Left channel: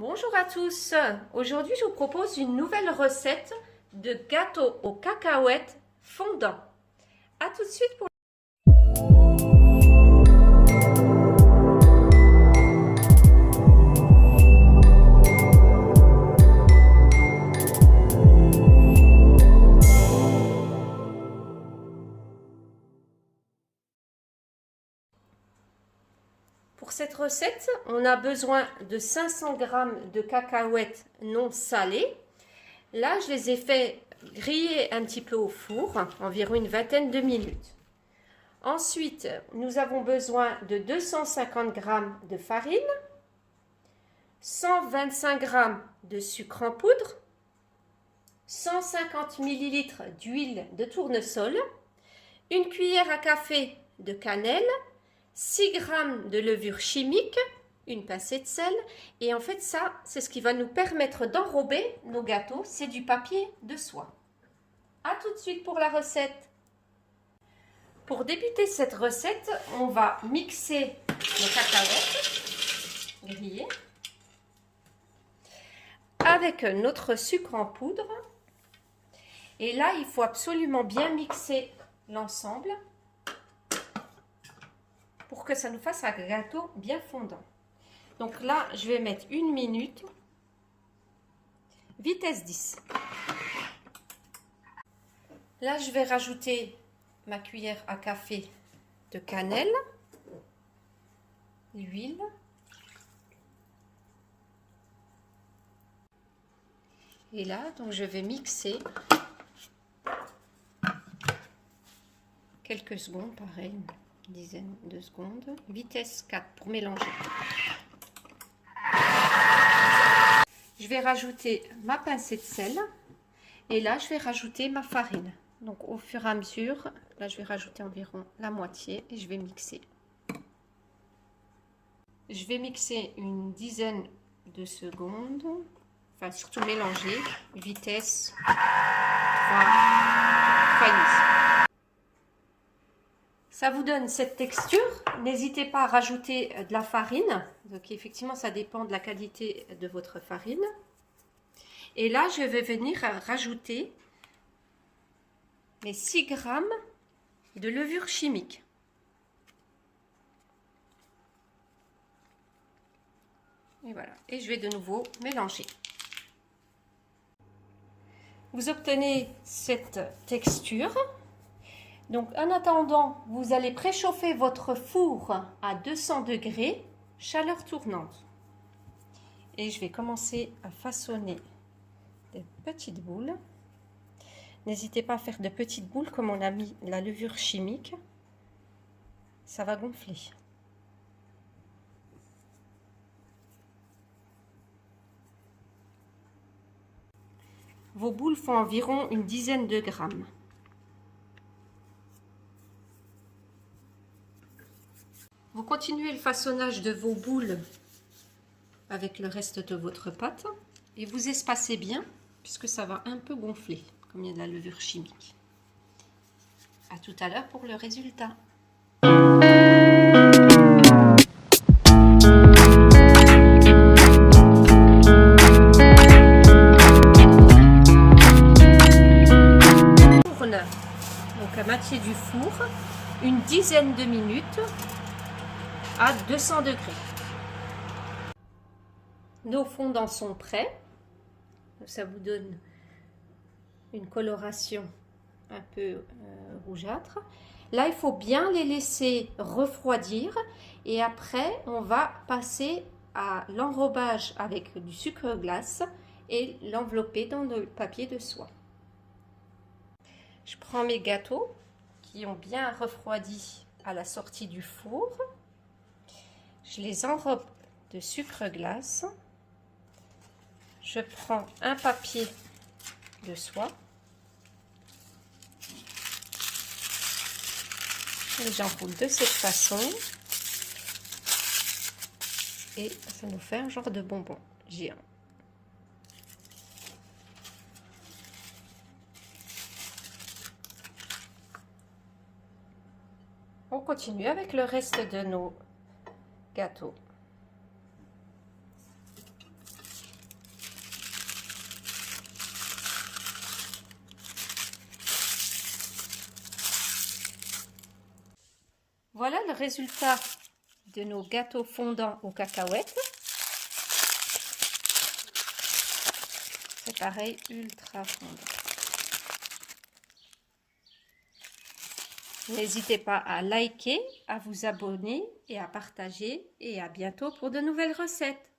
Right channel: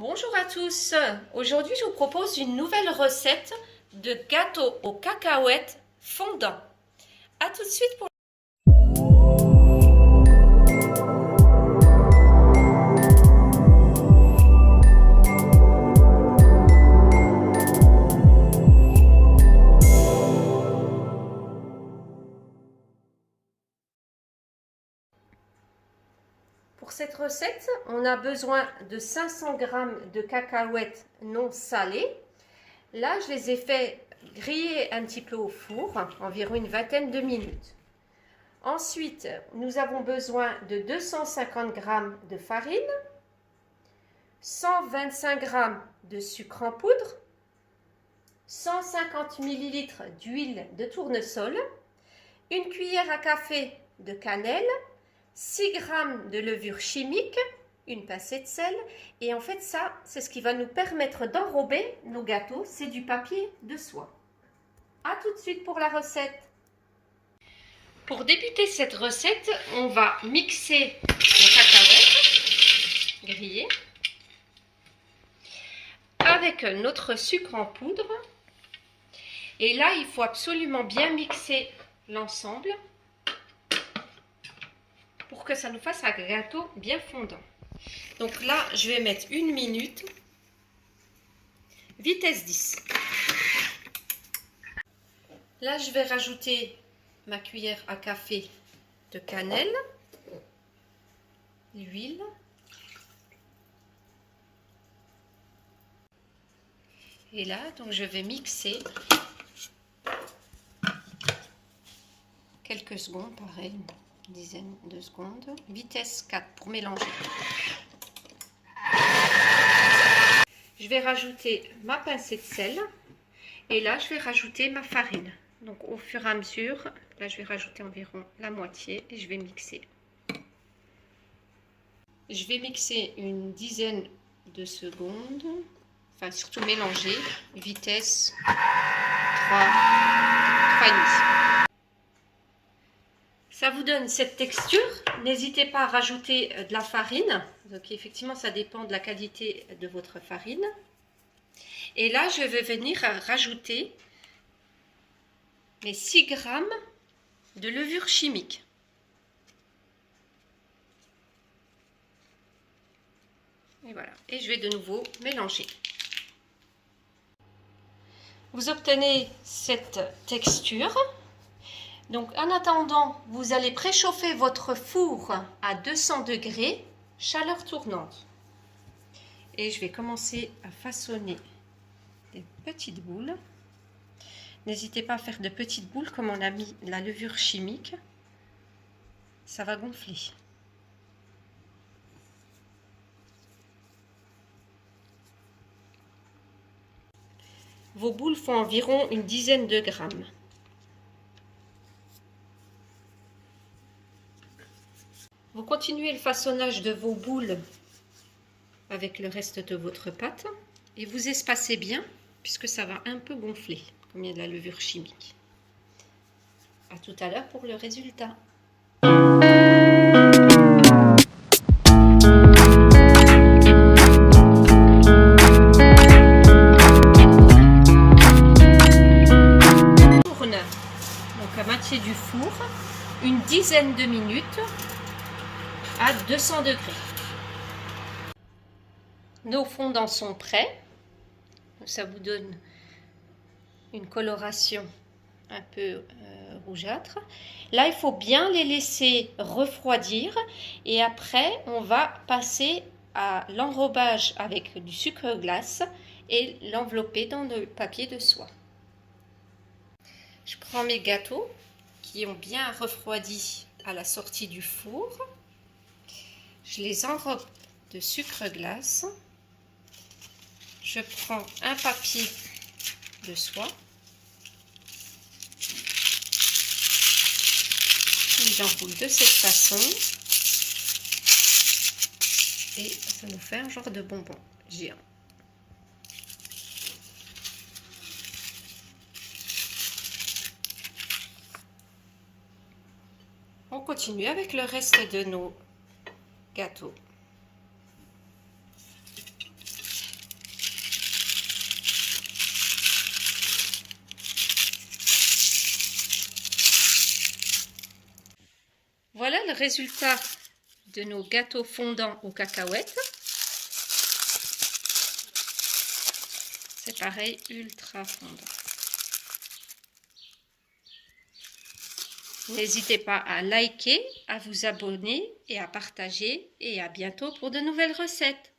Bonjour à tous, aujourd'hui je vous propose une nouvelle recette de gâteau aux cacahuètes fondant. A tout de suite pour... Pour cette recette, on a besoin de 500 g de cacahuètes non salées. Là, je les ai fait griller un petit peu au four, environ une vingtaine de minutes. Ensuite, nous avons besoin de 250 g de farine, 125 g de sucre en poudre, 150 ml d'huile de tournesol, une cuillère à café de cannelle, 6 g de levure chimique, une pincée de sel. Et en fait, ça, c'est ce qui va nous permettre d'enrober nos gâteaux. C'est du papier de soie. A tout de suite pour la recette. Pour débuter cette recette, on va mixer nos cacahuètes grillées avec notre sucre en poudre. Et là, il faut absolument bien mixer l'ensemble pour que ça nous fasse un gâteau bien fondant. Donc là, je vais mettre 1 minute, vitesse 10. Là, je vais rajouter ma cuillère à café de cannelle, l'huile, et là, donc je vais mixer quelques secondes, pareil, une dizaine de secondes, vitesse 4 pour mélanger. Je vais rajouter ma pincée de sel et là, je vais rajouter ma farine. Donc au fur et à mesure, là, je vais rajouter environ la moitié et je vais mixer. Je vais mixer une dizaine de secondes, enfin surtout mélanger, vitesse 3,5. Ça vous donne cette texture. N'hésitez pas à rajouter de la farine. Donc effectivement, ça dépend de la qualité de votre farine. Et là, je vais venir rajouter mes 6 g de levure chimique. Et voilà. Et je vais de nouveau mélanger. Vous obtenez cette texture. Donc en attendant, vous allez préchauffer votre four à 200 degrés, chaleur tournante. Et je vais commencer à façonner des petites boules. N'hésitez pas à faire de petites boules comme on a mis la levure chimique. Ça va gonfler. Vos boules font environ une dizaine de grammes. Vous continuez le façonnage de vos boules avec le reste de votre pâte et vous espacez bien puisque ça va un peu gonfler comme il y a de la levure chimique. À tout à l'heure pour le résultat. Tourne donc à moitié du four une dizaine de minutes à 200 degrés. Nos fondants sont prêts. Ça vous donne une coloration un peu rougeâtre. Là, il faut bien les laisser refroidir et après, on va passer à l'enrobage avec du sucre glace et l'envelopper dans le papier de soie. Je prends mes gâteaux qui ont bien refroidi à la sortie du four. Je les enrobe de sucre glace. Je prends un papier de soie. Et j'enroule de cette façon. Et ça nous fait un genre de bonbon géant. On continue avec le reste de nos gâteaux. résultat de nos gâteaux fondants aux cacahuètes. C'est pareil, ultra fondant. N'hésitez pas à liker, à vous abonner et à partager. Et à bientôt pour de nouvelles recettes.